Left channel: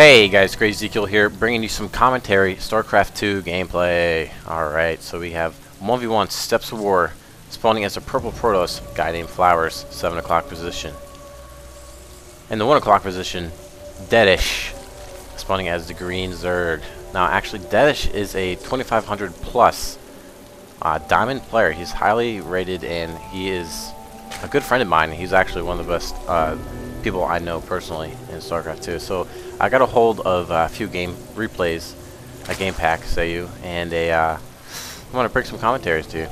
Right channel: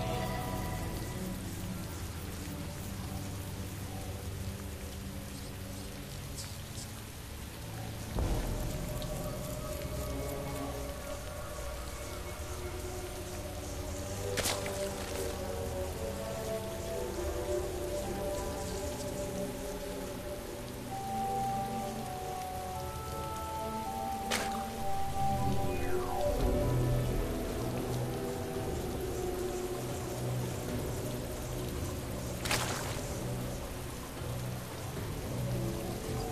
Hey guys, crazye2ek1el here, bringing you some commentary, Starcraft 2 gameplay. Alright, so we have 1v1 Steps of War, spawning as a purple Protoss, guy named Flowers, 7 o'clock position. In the 1 o'clock position, Deadish, spawning as the green Zerg. Now actually, Deadish is a 2500 plus diamond player. He's highly rated and he is a good friend of mine. He's actually one of the best people I know personally in StarCraft 2. So I got a hold of a few game replays, a game pack, say you, and I want to bring some commentaries to you.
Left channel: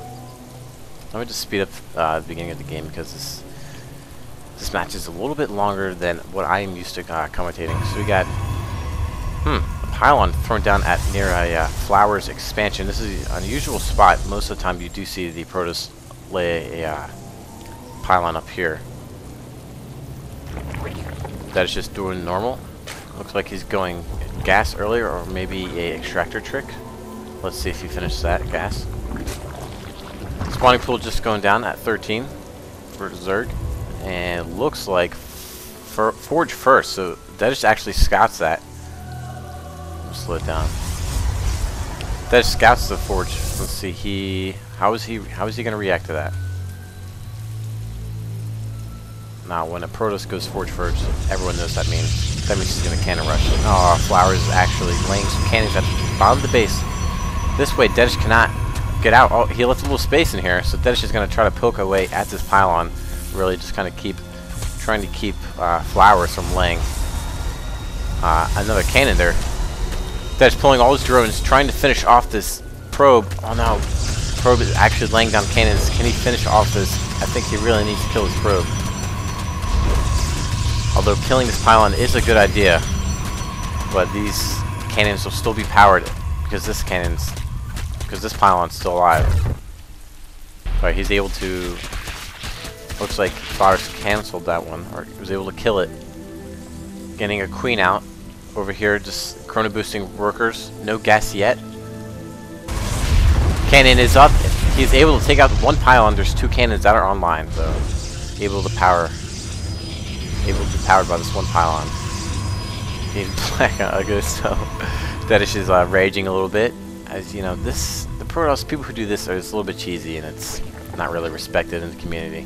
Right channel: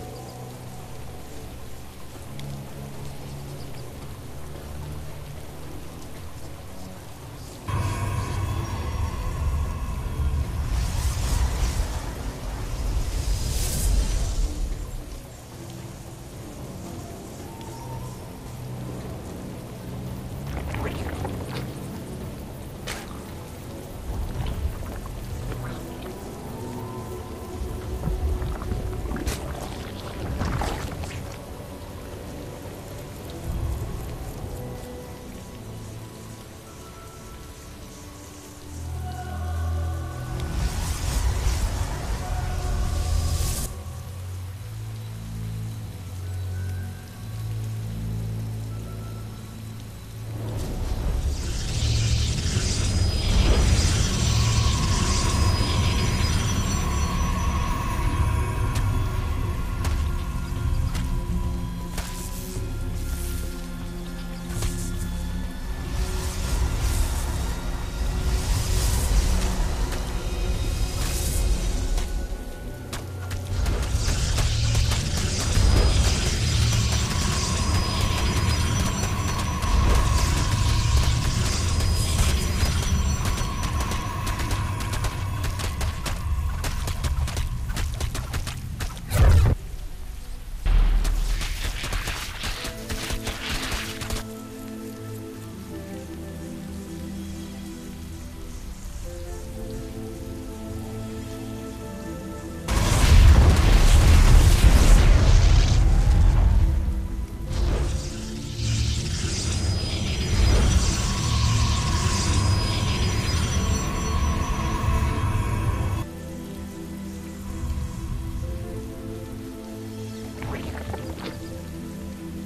Let me just speed up the beginning of the game because this match is a little bit longer than what I am used to commentating. So we got a pylon thrown down at near a Flowers expansion. This is an unusual spot. Most of the time you do see the Protoss lay a pylon up here. That is just doing normal. Looks like he's going gas earlier, or maybe a extractor trick. Let's see if he finishes that gas. Spawning pool just going down at 13 for Zerg, and looks like forge first. So that just actually scouts that. Slow it down. That scouts the forge. Let's see. How is he going to react to that? Now, when a Protoss goes forge first, everyone knows that means he's going to cannon rush. Oh, Flowers is actually laying some cannons at the bottom of the base. This way, Deadish cannot get out. Oh, he left a little space in here, so Deadish is going to try to poke away at this pylon. Really just kind of trying to keep Flowers from laying another cannon there. Deadish pulling all his drones, trying to finish off this probe. Oh no, probe is actually laying down cannons. Can he finish off this? I think he really needs to kill his probe. Although killing this pylon is a good idea, but these cannons will still be powered because this pylon's still alive. Right, he's able to. Looks like Flowers canceled that one, or he was able to kill it. Getting a queen out over here, just chrono boosting workers. No gas yet. Cannon is up. He's able to take out one pylon. There's two cannons that are online, so able to power. Powered by this one pylon. So Deadish is raging a little bit. As you know, the Protoss people who do this are just a little bit cheesy, and it's not really respected in the community.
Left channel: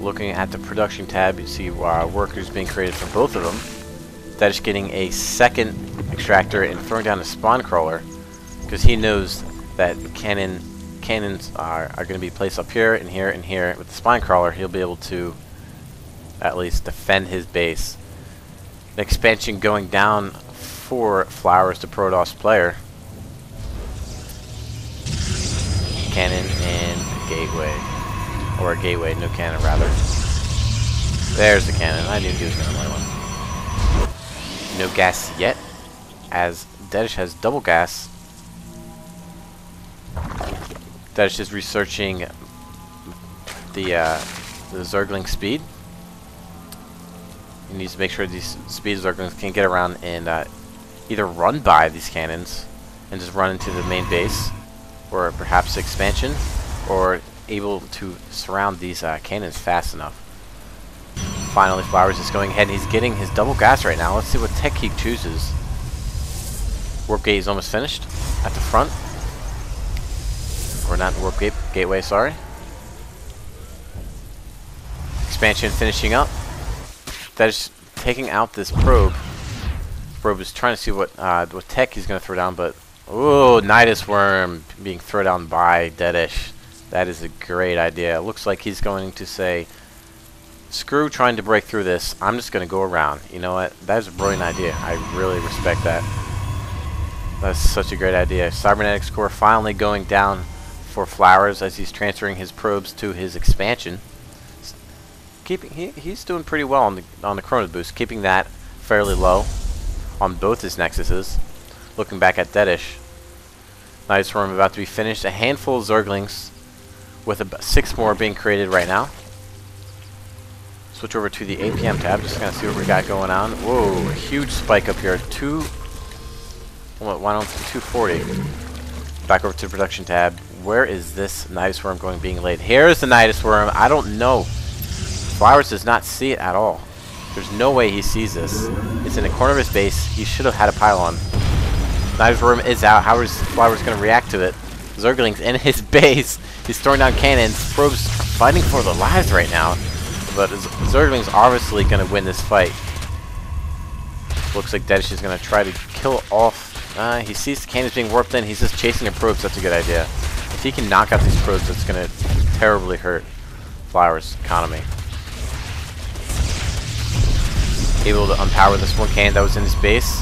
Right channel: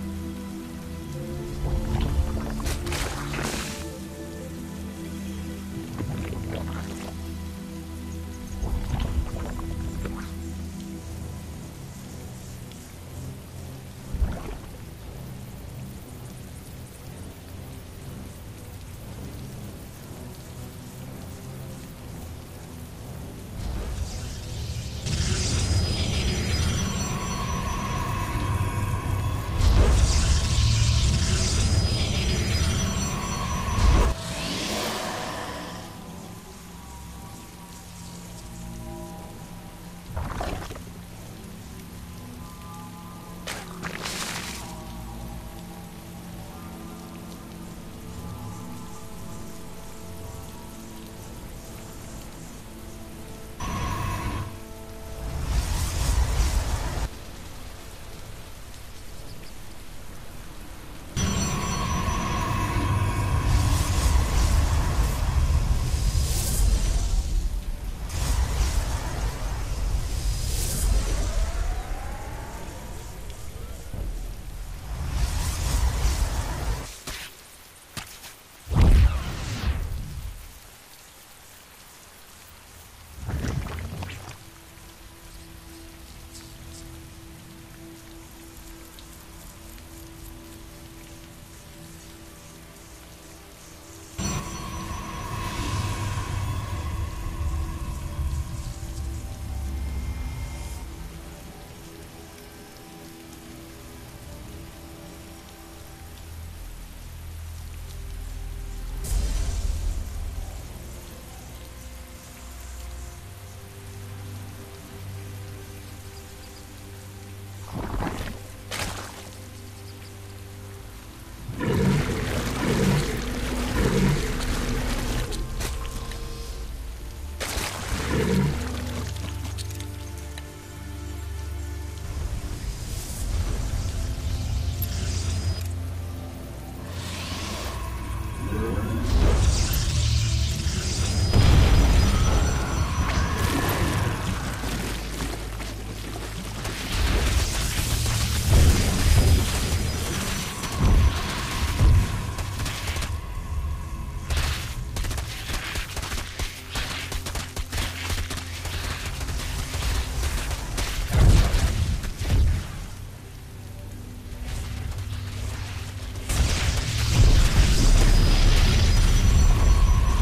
Looking at the production tab, you see workers being created for both of them. Deadish getting a second extractor and throwing down a spawn crawler because he knows that the cannons are going to be placed up here and here and here. With the spine crawler, he'll be able to at least defend his base. The expansion going down for Flowers, the Protoss player. Cannon and gateway, or a gateway, no cannon rather. There's the cannon. I knew he was going to. No gas yet, as Deadish has double gas. Deadish is researching the Zergling speed. He needs to make sure these speed Zerglings can get around and either run by these cannons and just run into the main base, or perhaps expansion, or able to surround these cannons fast enough. Finally, Flowers is going ahead. He's getting his double gas right now. Let's see what tech he chooses. Warp gate is almost finished at the front. Or not the warp gateway, sorry. Expansion finishing up. That is taking out this probe. Probe is trying to see what tech he's going to throw down, but ooh, Nydus worm being thrown down by Deadish. That is a great idea. It looks like he's going to say, screw trying to break through this. I'm just going to go around. You know what? That is a brilliant idea. I really respect that. That's such a great idea. Cybernetics core finally going down for Flowers as he's transferring his probes to his expansion. He's doing pretty well on the chrono boost, keeping that fairly low on both his nexuses. Looking back at Deadish, Nydus worm about to be finished. A handful of Zerglings with about 6 more being created right now. Switch over to the APM tab. Just gonna see what we got going on. Whoa, huge spike up here. 240. Back over to the production tab. Where is this Nydus worm going being laid? Here's the Nydus worm. I don't know. Flowers does not see it at all. There's no way he sees this. It's in the corner of his base. He should have had a pylon. Nydus room is out. How is Flowers going to react to it? Zerglings in his base. He's throwing down cannons. Probes fighting for their lives right now. But Zerglings obviously going to win this fight. Looks like Deadish is going to try to kill off. He sees the cannons being warped in. He's just chasing the probes. That's a good idea. If he can knock out these probes, that's going to terribly hurt Flowers' economy. Able to unpower this one cannon that was in his base.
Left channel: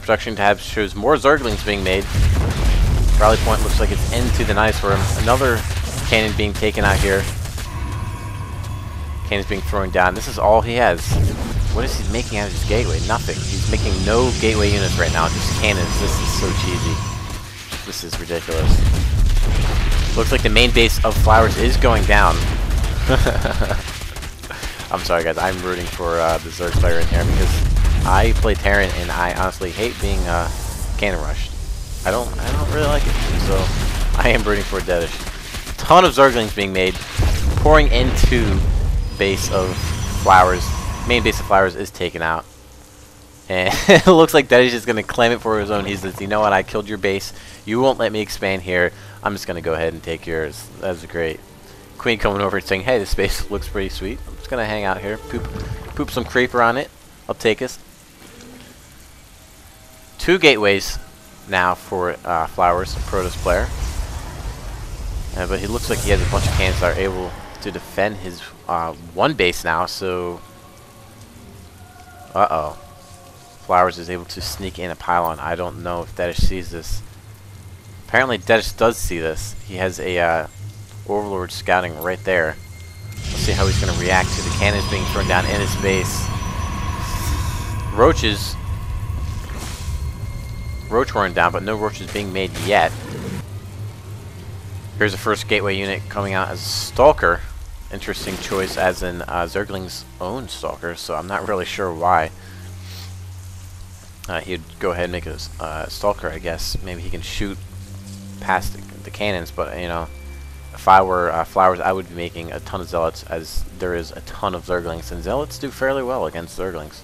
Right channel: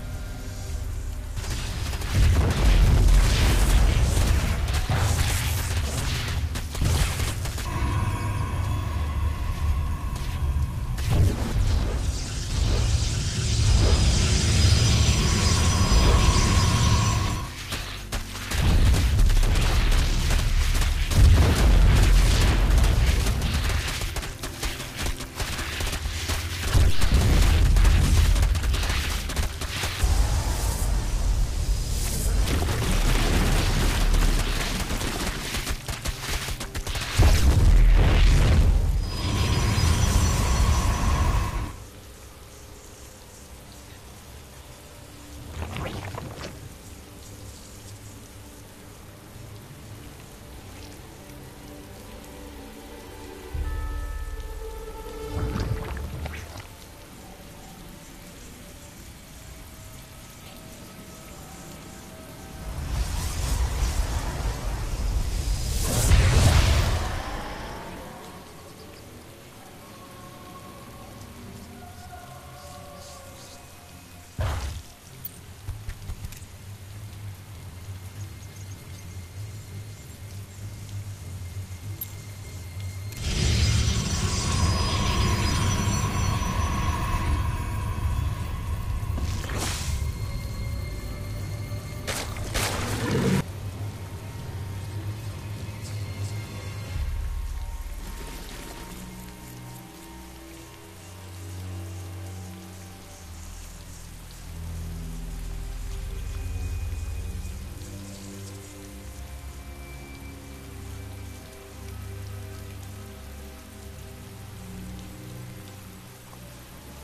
Production tab shows more Zerglings being made. Rally point looks like it's into the Nydus room. Another cannon being taken out here. Cannons being thrown down. This is all he has. What is he making out of his gateway? Nothing. He's making no gateway units right now. Just cannons. This is so cheesy. This is ridiculous. Looks like the main base of Flowers is going down. I'm sorry guys, I'm rooting for the Zerg player in here because I play Terran and I honestly hate being cannon rushed. I don't really like it, so I am rooting for Deadish. Ton of Zerglings being made, pouring into base of Flowers. Main base of Flowers is taken out. And it looks like Deadish is going to claim it for his own. He says, you know what, I killed your base. You won't let me expand here. I'm just going to go ahead and take yours. That's great. Queen coming over and saying, hey, this base looks pretty sweet. I'm just going to hang out here. Poop some creeper on it. I'll take us. 2 gateways now for Flowers, Protoss player. But he looks like he has a bunch of cannons that are able to defend his one base now, so... Uh-oh. Flowers is able to sneak in a pylon. I don't know if Deadish sees this. Apparently Deadish does see this. He has a Overlord scouting right there. Let's see how he's going to react to the cannons being thrown down in his base. Roach weren't down, but no roaches being made yet. Here's the first gateway unit coming out as a Stalker. Interesting choice, as in Zergling's own Stalker, so I'm not really sure why. He'd go ahead and make a Stalker, I guess. Maybe he can shoot past the cannons, but, you know, if I were Flowers, I would be making a ton of Zealots, as there is a ton of Zerglings, and Zealots do fairly well against Zerglings.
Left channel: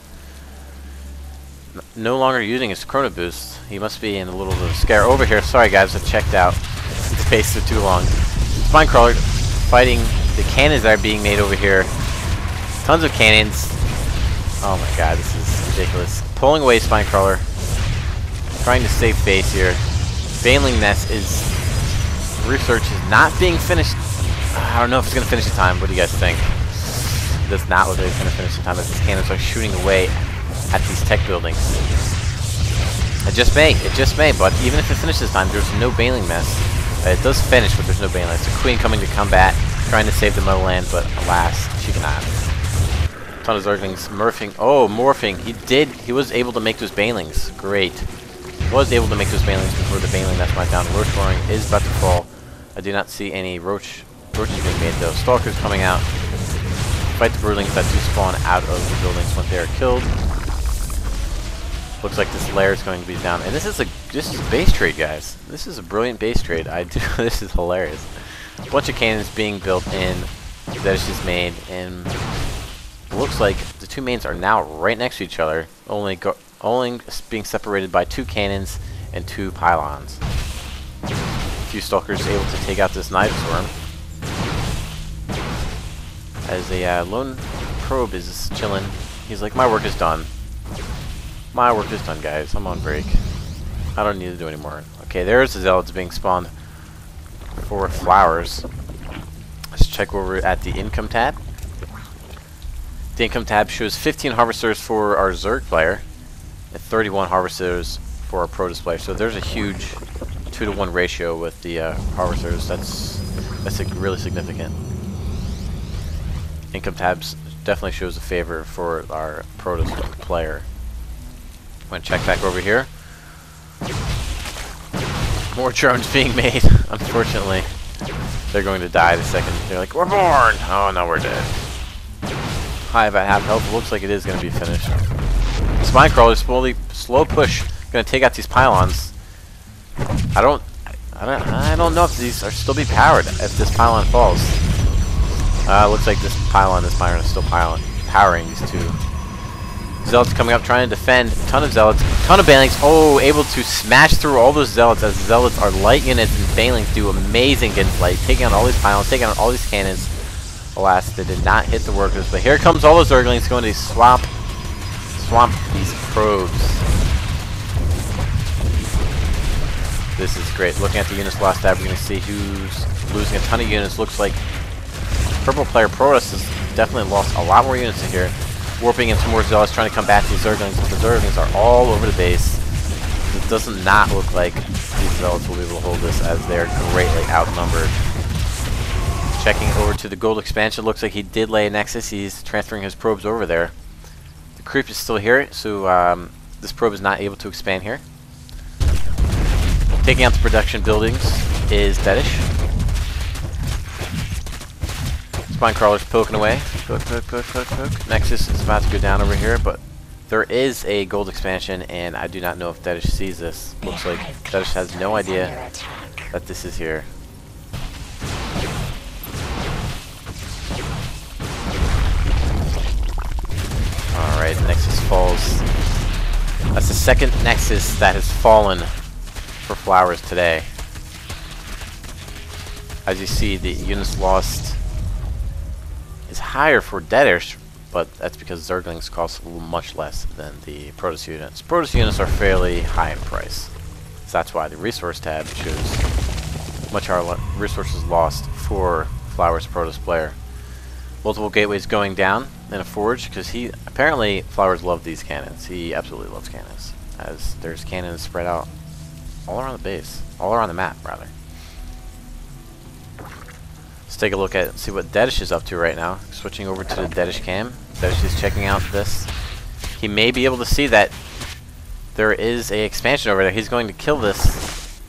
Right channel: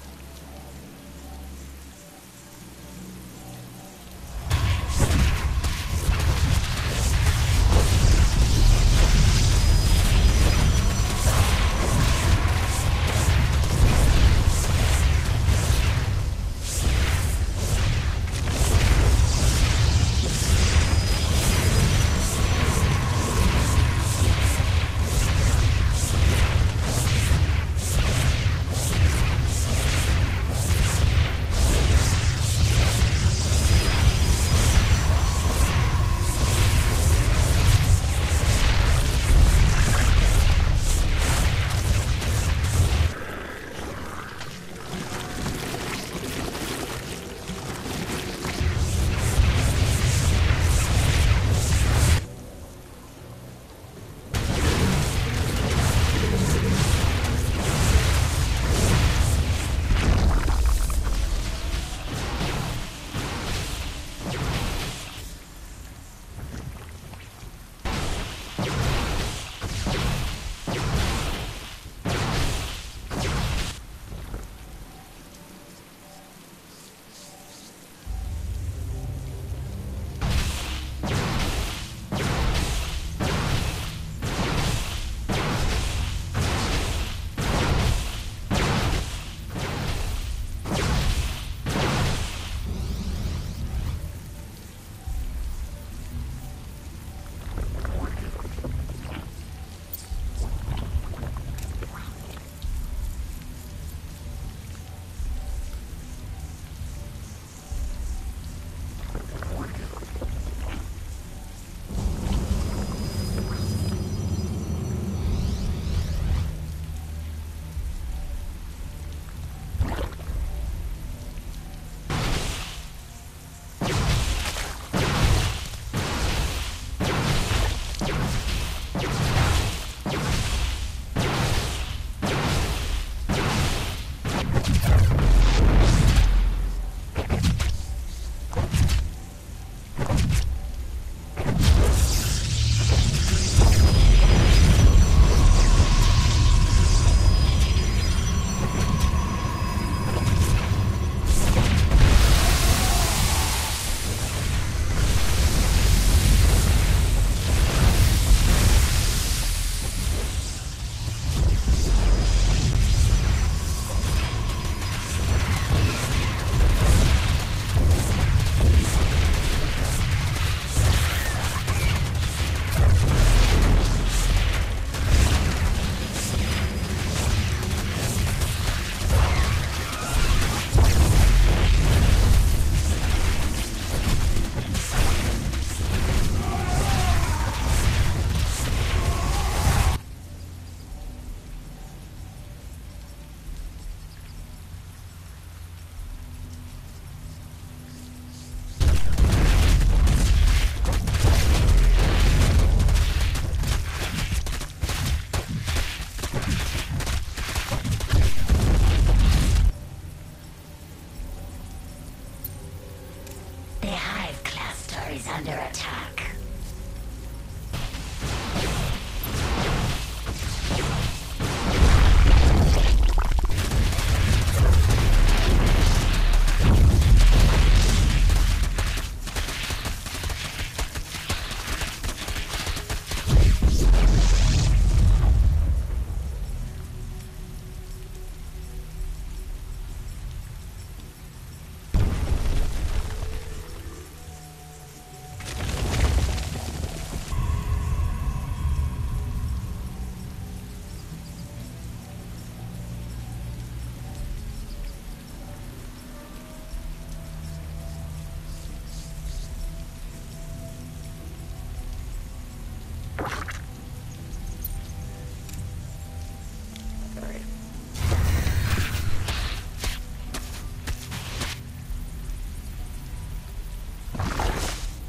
No longer using his Chrono Boost. He must be in a little bit of scare over here. Sorry guys, I checked out. Space for too long. Spinecrawler fighting the cannons that are being made over here. Tons of cannons. Oh my god, this is ridiculous. Pulling away Spinecrawler. Trying to save base here. Baneling Nest is... Research is not being finished. I don't know if it's going to finish in time. What do you guys think? It does not look like it's going to finish in time, as the cannons are shooting away at this tech building. It just may, but even if it finishes time, there's no Baneling Nest. It does finish, but there's no Baneling Nest. Queen coming to combat, trying to save the Motherland, but alas, she cannot. Ton of Zerglings morphing. He was able to make those Banelings. Great. He was able to make those Banelings before the Baneling Nest went down. Roach Flooring is about to fall. I do not see any Roaches though. Stalkers coming out. Fight the Broodlings that do spawn out of the buildings when they are killed. Looks like this lair is going to be down. And this is a base trade, guys. This is a brilliant base trade. This is hilarious. A bunch of cannons being built in. That is just made, and it looks like the 2 mains are now right next to each other, only being separated by 2 cannons and 2 pylons. A few Stalkers able to take out this Nydus run. As the lone probe is chilling, he's like, my work is done. My work is done, guys. I'm on break. I don't need to do any more. Okay, there's the Zealots being spawned for Flowers. Let's check over at the income tab. The income tab shows 15 harvesters for our Zerg player and 31 harvesters for our Protoss player. So there's a huge 2-to-1 ratio with the harvesters. That's really significant. Income tabs definitely shows a favor for our Protoss player. I'm going to check back over here. More drones being made, unfortunately. They're going to die the second they're like, we're born! Oh, no, we're dead. High about half health. Looks like it is going to be finished. Spinecrawler, slow push. Going to take out these pylons. I don't know if these are still be powered if this pylon falls. Looks like this pylon is still piling. overpowering these two. Zealots coming up, trying to defend. Ton of Zealots, ton of Banelings. Oh, able to smash through all those Zealots, as Zealots are light units and Banelings do amazing hits, like taking on all these pylons, taking on all these cannons. Alas, they did not hit the workers, but here comes all those Zerglings going to swamp probes. This is great. Looking at the units last tab, we can see who's losing a ton of units. Looks like purple player Protoss has definitely lost a lot more units here. Warping in some more Zealots, trying to come back to the Zerglings. The Zerglings are all over the base. It does not look like these Zealots will be able to hold this, as they're greatly outnumbered. Checking over to the gold expansion, looks like he did lay a nexus. He's transferring his probes over there. The creep is still here, so this probe is not able to expand here. Taking out the production buildings is Deadish. Spine crawlers poking away. Cook. Nexus is about to go down over here, but there is a gold expansion, and I do not know if Deadish sees this. Looks like Deadish has no idea that this is here. Alright, Nexus falls. That's the second Nexus that has fallen for Flowers today. As you see, the units lost is higher for Deadish, but that's because Zerglings cost much less than the Protoss units. Protoss units are fairly high in price, so that's why the resource tab shows much higher resources lost for Flowers Protoss player. Multiple gateways going down in a forge, because apparently Flowers love these cannons. He absolutely loves cannons, as there's cannons spread out all around the base, all around the map rather. Let's take a look at see what Deadish is up to right now. Switching over to the Deadish cam. Deadish is checking out this. He may be able to see that there is a expansion over there. He's going to kill this.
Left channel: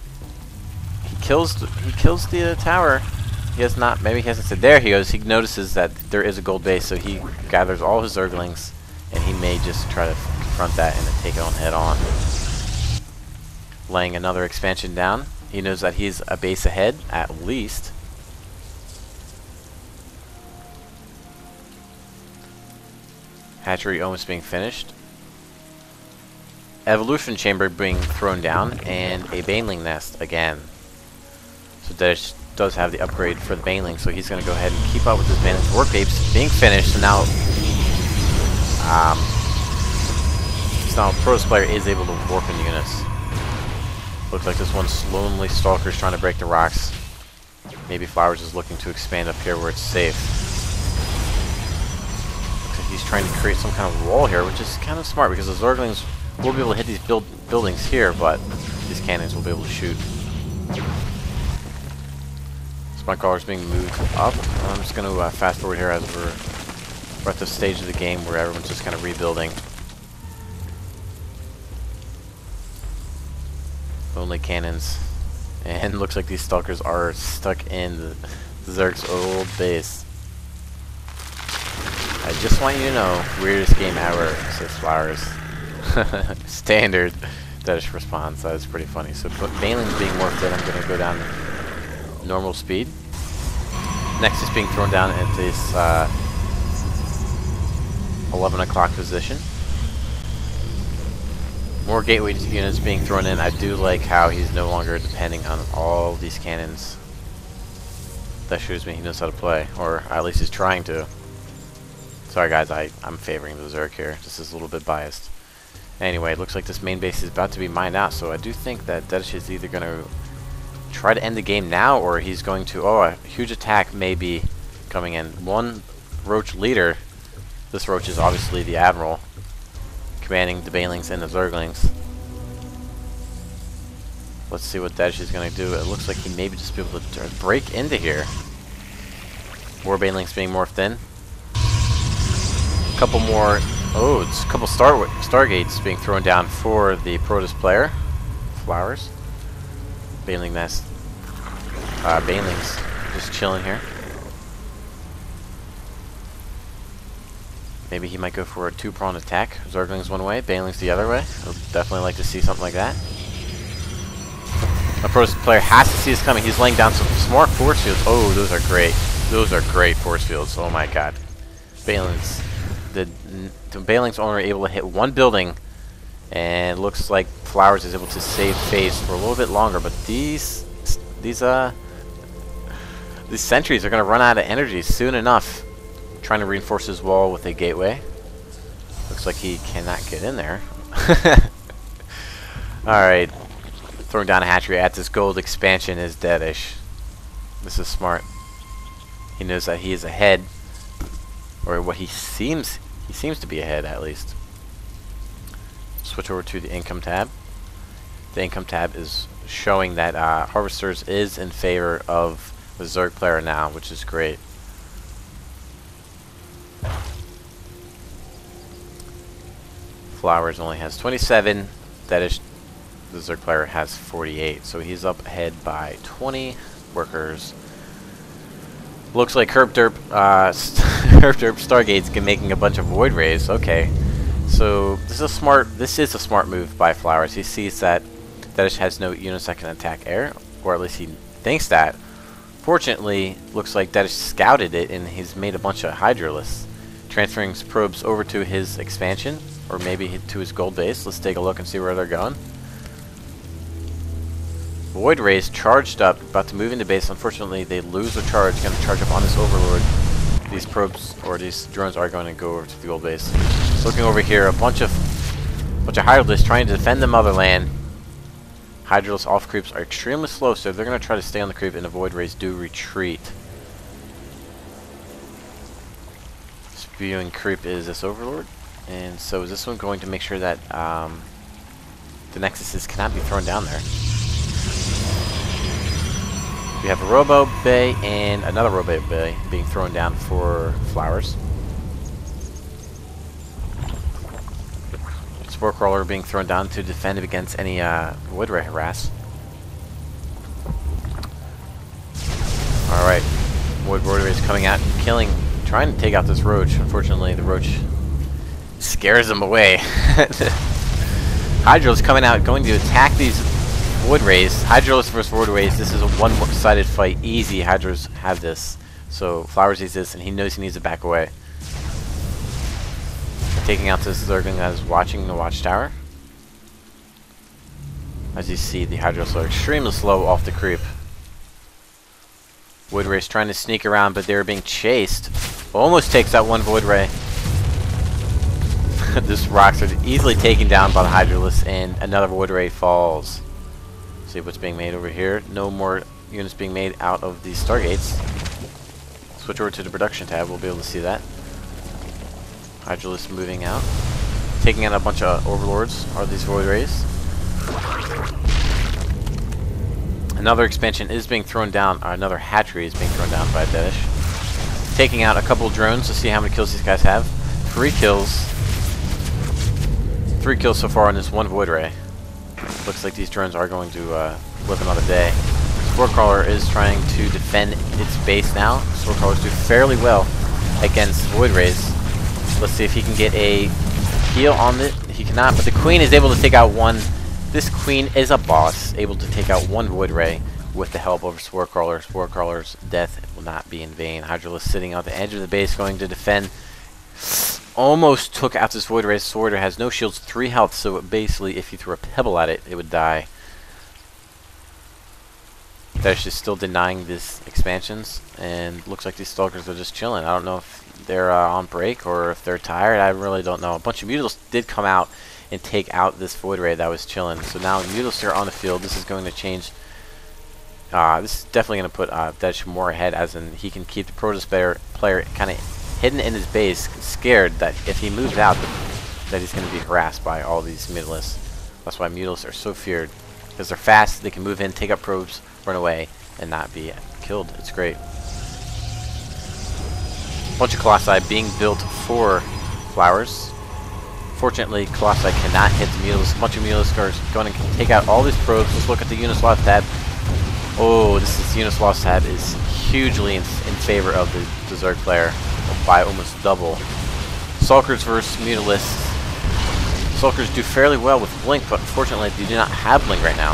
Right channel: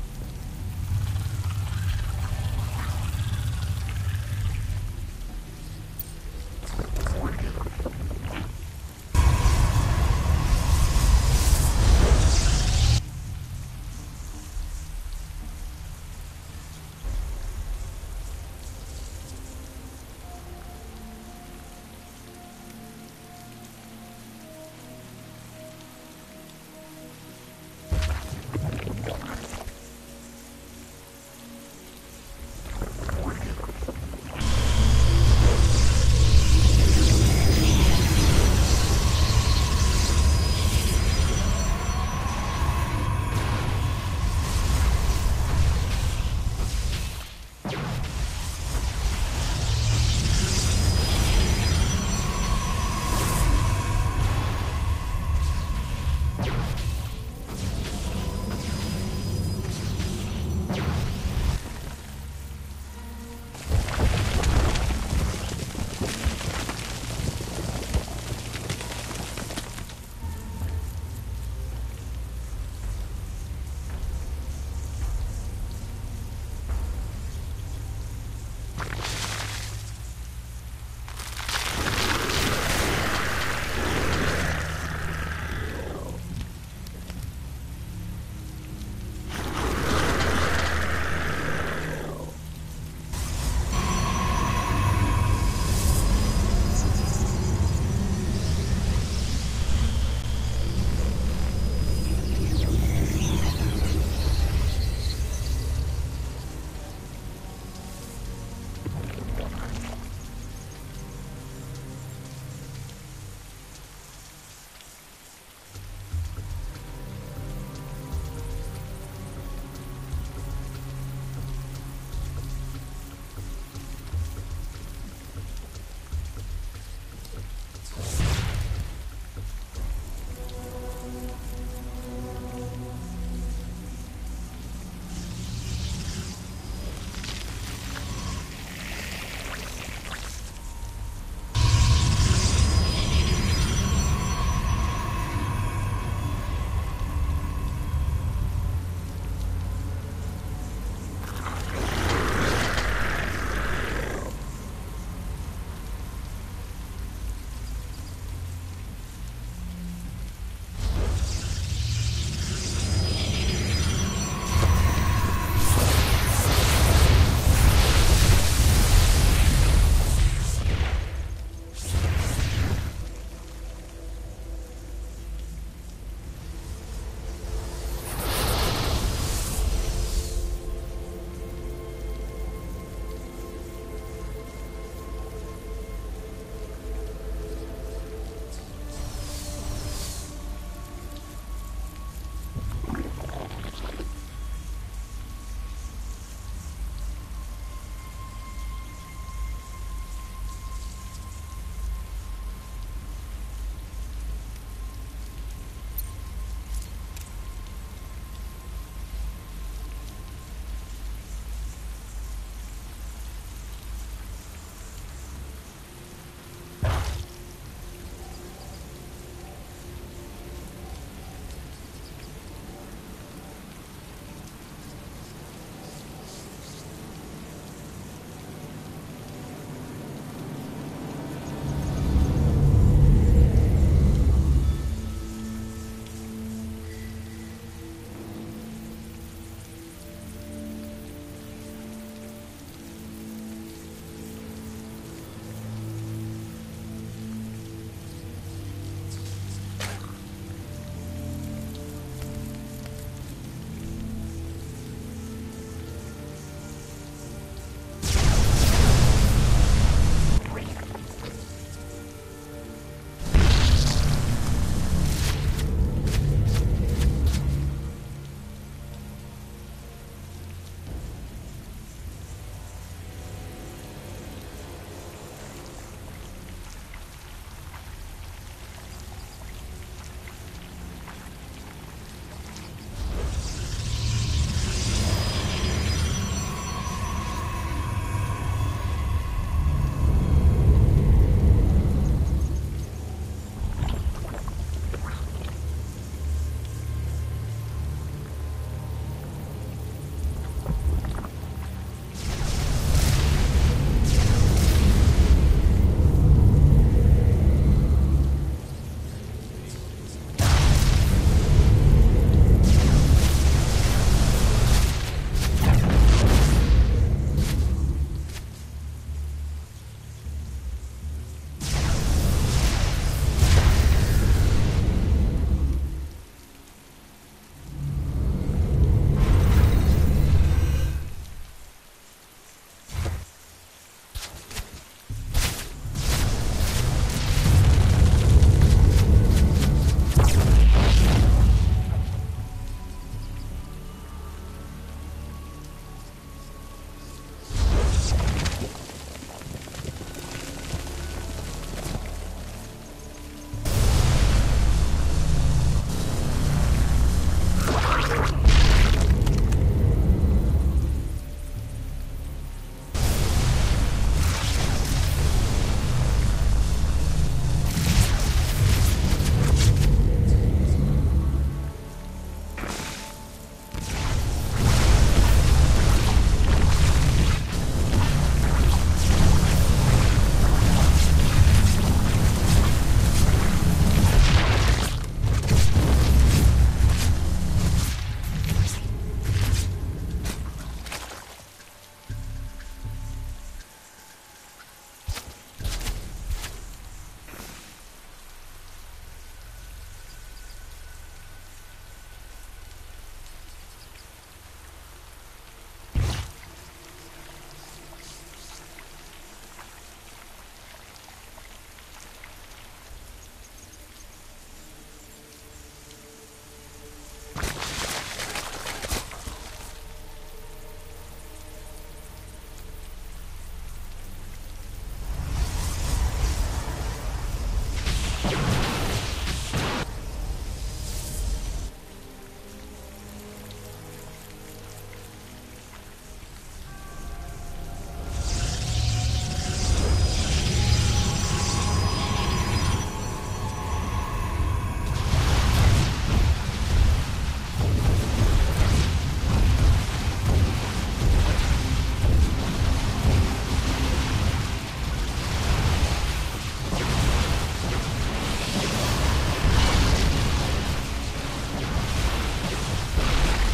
He kills the tower. He has not. Maybe he hasn't said. There he goes. He notices that there is a gold base, so he gathers all his Zerglings, and he may just try to front that and take it on head on. Laying another expansion down. He knows that he's a base ahead at least. Hatchery almost being finished. Evolution chamber being thrown down, and a Baneling nest again. So Deadish does have the upgrade for the Baneling, so he's going to go ahead and keep up with his Baneling. Work apes being finished. Now Protoss player is able to warp in units. Looks like this one's lonely Stalker's trying to break the rocks. Maybe Flowers is looking to expand up here where it's safe. Trying to create some kind of wall here, which is kind of smart because the Zerglings will be able to hit these buildings here, but these cannons will be able to shoot. Spike crawlers being moved up. I'm just going to fast forward here as we're at the stage of the game where everyone's just kind of rebuilding. Only cannons, and looks like these Stalkers are stuck in the Zerg's old base. Just want you to know, weirdest game ever, says Flowers. Standard Deadish response. That is pretty funny. So Baneling's being more good. I'm going to go down normal speed. Nexus being thrown down at this 11 o'clock position. More gateway units being thrown in. I do like how he's no longer depending on all these cannons. That shows me he knows how to play, or at least he's trying to. Sorry guys, I'm favoring the Zerg here. This is a little bit biased. Anyway, it looks like this main base is about to be mined out, so I do think that Deadish is either going to try to end the game now, or he's going to... Oh, a huge attack may be coming in. One Roach leader. This Roach is obviously the Admiral, commanding the Banelings and the Zerglings. Let's see what Deadish is going to do. It looks like he may just be able to break into here. More Banelings being morphed in. Couple more. Oh, it's a couple Stargates being thrown down for the Protoss player. Flowers. Baneling nest. Banelings just chilling here. Maybe he might go for a two-pronged attack. Zerglings one way, Banelings the other way. He'll definitely like to see something like that. A Protoss player has to see this coming. He's laying down some smart force fields. Oh, those are great. Those are great force fields. Oh my god. Banelings the Bailing's only able to hit one building, and it looks like Flowers is able to save face for a little bit longer. But these sentries are going to run out of energy soon enough. Trying to reinforce his wall with a gateway. Looks like he cannot get in there. Alright. Throwing down a hatchery at this gold expansion is Deadish. This is smart. He knows that he is ahead. Or what he seems to be ahead, at least. Switch over to the income tab. The income tab is showing that Harvesters is in favor of the Zerg player now, which is great. Flowers only has 27. Deadish, the Zerg player, has 48. So he's up ahead by 20 workers. Looks like Herb Derp Stargate's making a bunch of Void Rays. Okay, so this is a smart move by Flowers. He sees that Deadish has no units that can attack air, or at least he thinks that. Fortunately, looks like Deadish scouted it and he's made a bunch of Hydralisks, transferring his probes over to his expansion, or maybe to his gold base. Let's take a look and see where they're going. Void Rays charged up, about to move into base. Unfortunately, they lose the charge and charge up on this Overlord. These probes, or these drones, are going to go over to the gold base. Looking over here, a bunch of Hydralisks trying to defend the motherland. Hydralisk off creeps are extremely slow, so they're going to try to stay on the creep, and the Void Rays do retreat. Spewing creep is this Overlord, and so is this one going to make sure that the Nexuses cannot be thrown down there. We have a Robo Bay and another Robo Bay being thrown down for Flowers. Spore Crawler being thrown down to defend against any Void Ray harass. Alright, Void Rays coming out and killing, trying to take out this Roach. Unfortunately, the Roach scares them away. Hydra's coming out, going to attack these Void Rays. Hydralis versus Void Rays. This is a one-sided fight. Easy. Hydras have this. So Flowers sees this, and he knows he needs to back away. Taking out this Zergling that is watching the watchtower. As you see, the Hydralis are extremely slow off the creep. Void Rays trying to sneak around, but they're being chased. Almost takes out one Void Ray. This rocks are easily taken down by the Hydralis, and another Void Ray falls. See what's being made over here. No more units being made out of these Stargates. Switch over to the production tab, we'll be able to see that. Hydralis moving out. Taking out a bunch of Overlords, are these Void Rays. Another expansion is being thrown down, another hatchery is being thrown down by Deadish. Taking out a couple of drones to see how many kills these guys have. 3 kills. 3 kills so far on this one Void Ray. Looks like these drones are going to work another day. Spore Crawler is trying to defend its base now. Spore Crawler is doing fairly well against Void Rays. Let's see if he can get a heal on it. He cannot, but the Queen is able to take out one. This Queen is a boss, able to take out one Void Ray with the help of Spore Crawler. Spore Crawler's death will not be in vain. Hydralis sitting on the edge of the base, going to defend. Almost took out this Void Ray. Sword has no shields, 3 health, so basically if you threw a pebble at it, it would die. Deadish is still denying these expansions, and looks like these Stalkers are just chilling. I don't know if they're on break or if they're tired. I really don't know. A bunch of Mutals did come out and take out this Void Ray that was chilling. So now Mutals are on the field. This is going to change. This is definitely going to put Deadish more ahead, as in he can keep the Protoss player kind of hidden in his base, scared that if he moves out, that he's going to be harassed by all these Mutalists. That's why Mutalists are so feared, because they're fast, they can move in, take up probes, run away, and not be killed. It's great. A bunch of Colossi being built for Flowers. Fortunately, Colossi cannot hit the Mutalists. A bunch of Mutalists are going to take out all these probes. Let's look at the Uniswap tab. Oh, this Uniswap tab is hugely in favor of the Zerg player by almost double. Stalkers versus Mutalists. Stalkers do fairly well with Blink, but unfortunately they do not have Blink right now.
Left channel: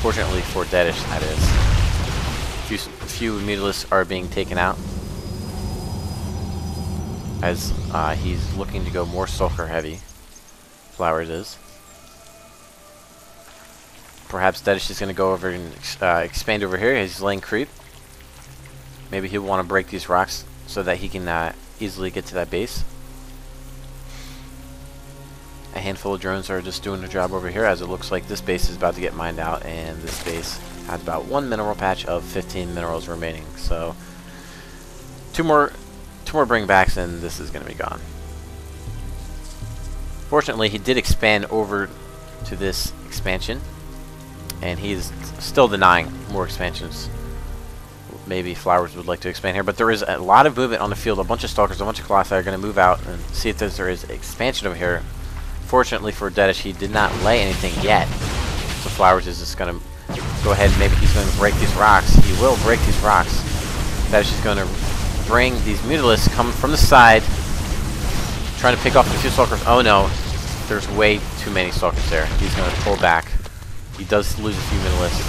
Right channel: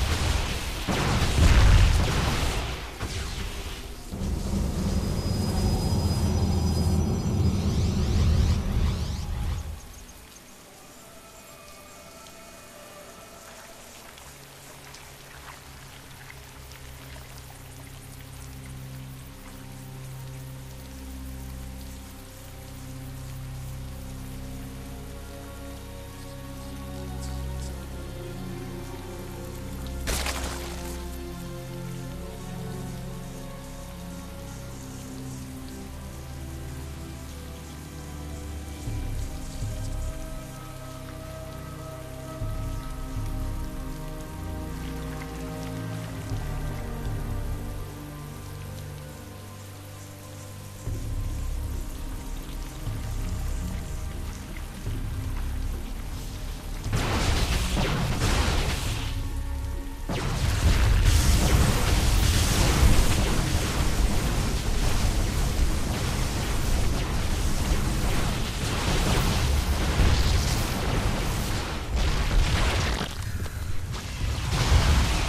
Fortunately for Deadish, that is. A few Mutalists are being taken out. as he's looking to go more Stalker heavy. Flowers is. Perhaps Deadish is going to go over and expand over here. He's laying creep. Maybe he'll want to break these rocks so that he can easily get to that base. A handful of drones are just doing their job over here, as it looks like this base is about to get mined out, and this base has about 1 mineral patch of 15 minerals remaining. So two more bringbacks and this is going to be gone. Fortunately, he did expand over to this expansion, and he's still denying more expansions. Maybe Flowers would like to expand here, but there is a lot of movement on the field. A bunch of Stalkers, a bunch of Colossi are going to move out and see if there is expansion over here. Fortunately for Deadish, he did not lay anything yet. So Flowers is just going to go ahead and maybe he's going to break these rocks. He will break these rocks. Deadish is going to bring these Mutilisks coming from the side, trying to pick off the 2 Stalkers. Oh no, there's way too many Stalkers there. He's going to pull back. He does lose a few Mutilisks.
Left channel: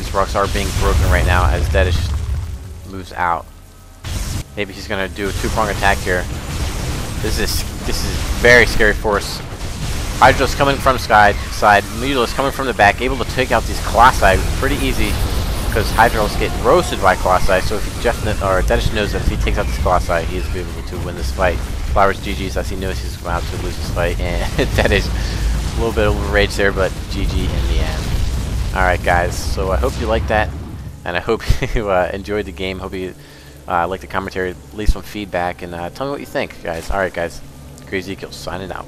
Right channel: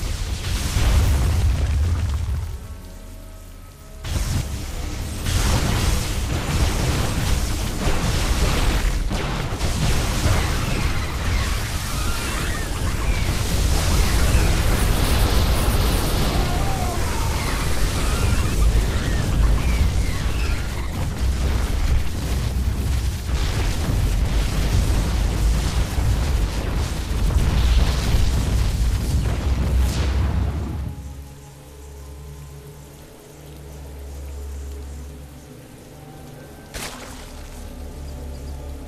These rocks are being broken right now as Deadish moves out. Maybe he's going to do a 2-prong attack here. This is very scary for us. Hydra's coming from side, Nydus coming from the back, able to take out these Colossi pretty easy because Hydra's get roasted by Colossi. So Deadish knows if he takes out these Colossi, he's going to win this fight. Flowers GG's as he knows he's about to lose this fight, and Deadish a little bit of rage there, but GG in the end. Alright guys, so I hope you liked that, and I hope you enjoyed the game. Hope you like the commentary, leave some feedback, and tell me what you think, guys. Alright guys, crazye2ek1el signing out.